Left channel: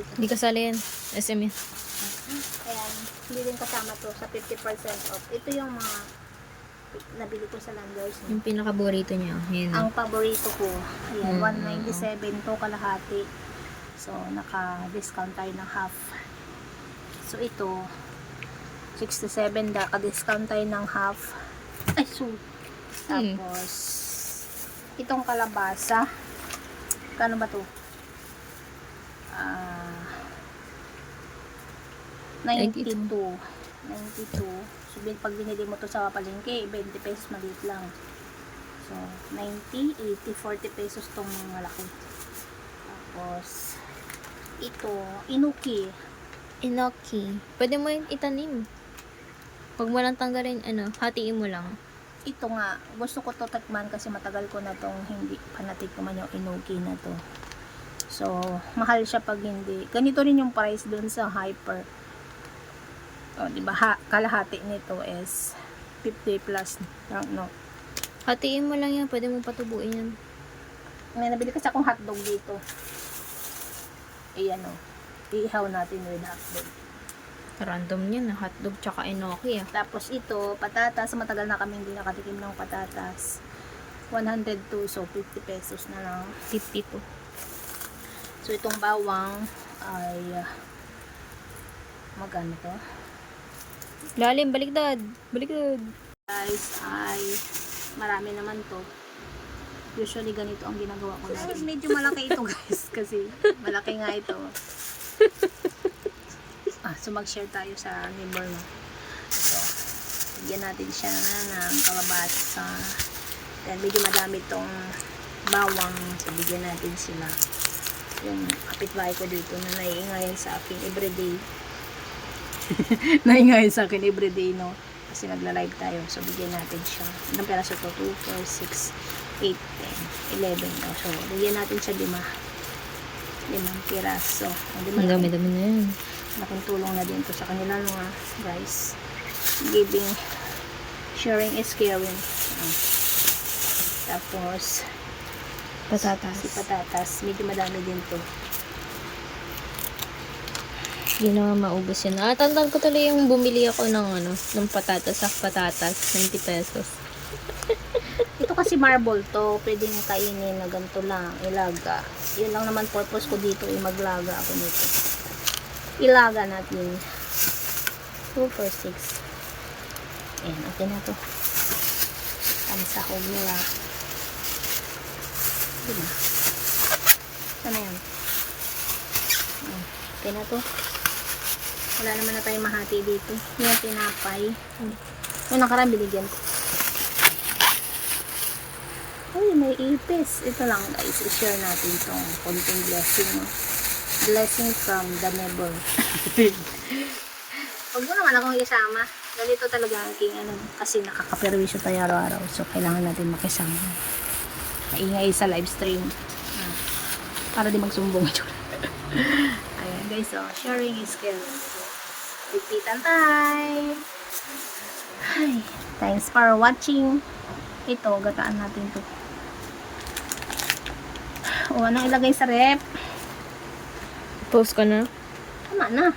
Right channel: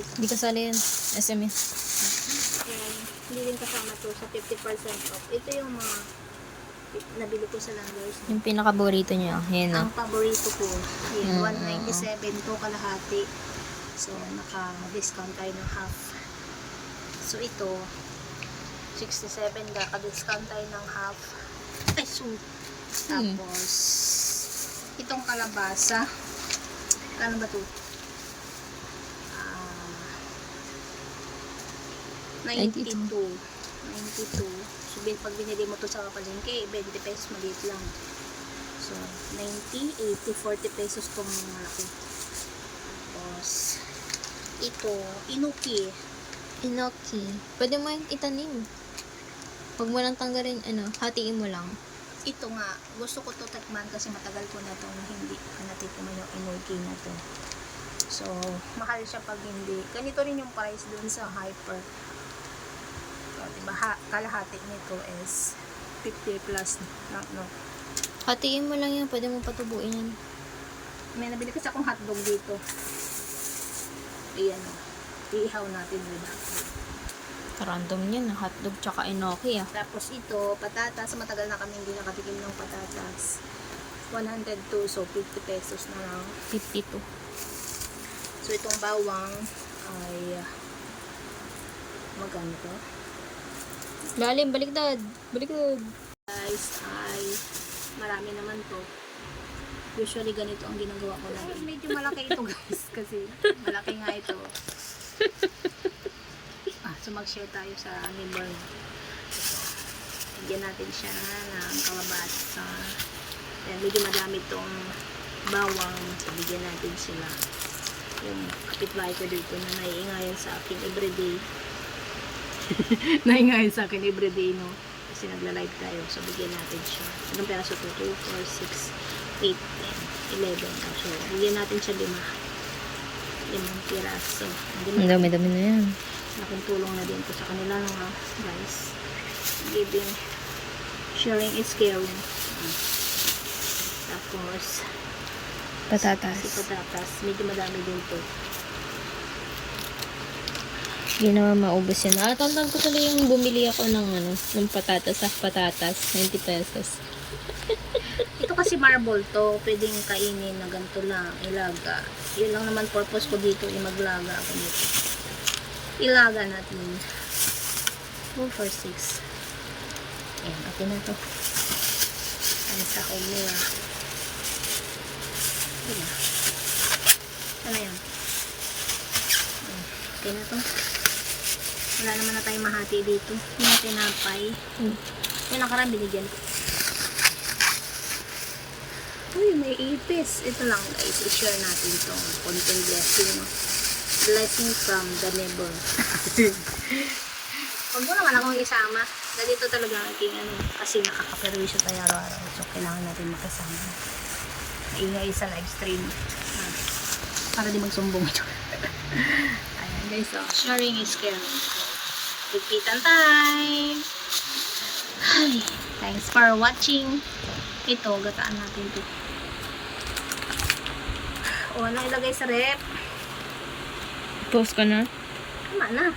dito. Hindi kasali yan. SM yan. Ayan, hindi yung kasama to sa 50% off. Ito yung mga nabili ko sa Landers. Yung pinaka-paborito niya. Yan Ang o. paborito ko. Ayan, 197 to kalahati. So, naka-discount tayo ng half. So, ito, 67 naka-discount tayo ng half. So, tapos, itong kalabasa. Kano ba to? 92. 92. So, pag binili mo to sa palengke, 20 pesos maliit lang. So, 90, 80, 40 pesos tong malaki. Tapos, ito, inuki. Inoki. Pwede mo yung itanim. Huwag mo lang tanggalin, hatiin mo lang. Ito nga, gusto ko to tikman kasi matagal ko na tong hindi ko natikman yung inuki na to. So, mahal siya pag hindi. Ganito rin yung price dun sa Hyper. O, diba, kalahati nito is 50 plus. No. Hatiin mo lang yan. Pwede mo patubuin yan. May nabili kasi akong hotdog dito. Ayan o. Iihaw natin with hotdog. Random yan. Hotdog tsaka enoki Tapos ito, patatas. Matagal na kaming hindi nakatikim ng patatas. 102. So, 50 pesos na lang. 52. So, itong bawang ay magkano to? Lalim. Baliktad. Baliktad. Guys, ay marami naman to. Usually ganito ang ginagawa ko na. Medyo malaki ito guys kasi malaki nga ito. So mag-share tayo sa neighbor na. So, bigyan natin siya ng kalabasa. Then medyo madami itong bawang. So bigyan natin sila. Yung kapitbahay ko dito na naiingayan sa akin everyday. Naiingayan sa akin everyday, no? Kasi nagla-live tayo. So bigyan natin siya. Ilang peraso ko? 2, 4, 6, 8, 10, 11. So bigyan natin siya 5 piraso. Ang dami-dami na yan. Malaking tulong na din to sa kanila, no, guys. Giving, sharing is caring. Tapos Patatas. si patatas, medyo madami din to. Hindi naman maubos yan. Tandaan ko tuloy yung bumili ako ng patatas. Patatas. 90 pesos. Ito kasi marble to, pwedeng kainin na ganito lang, ilaga. Yun lang naman purpose ko dito, maglaga ako dito. Ilaga natin. 2, 4, 6. Ayan, okay na to. Ang sakog nila. Ano yan? Ayan, okay na to. Wala naman na tayong mahati dito. Yung tinapay. Yung nakaraan binigyan ko. Uy, may ipis. Ito lang guys, i-share natin sa konting blessing. Blessing from the neighbor. Huwag mo naman akong isama. Ganito talaga ang king kasi nakakaperwisyo tayo araw-araw. So, kailangan natin makisama. Maingay sa live stream. Para di magsumbong ito. Ayan guys, so, sharing is caring. So, repeatan time. Hi. Thanks for watching. Ito, gataan natin ito. O, anong ilagay sa rep? Post ko na. Tama na.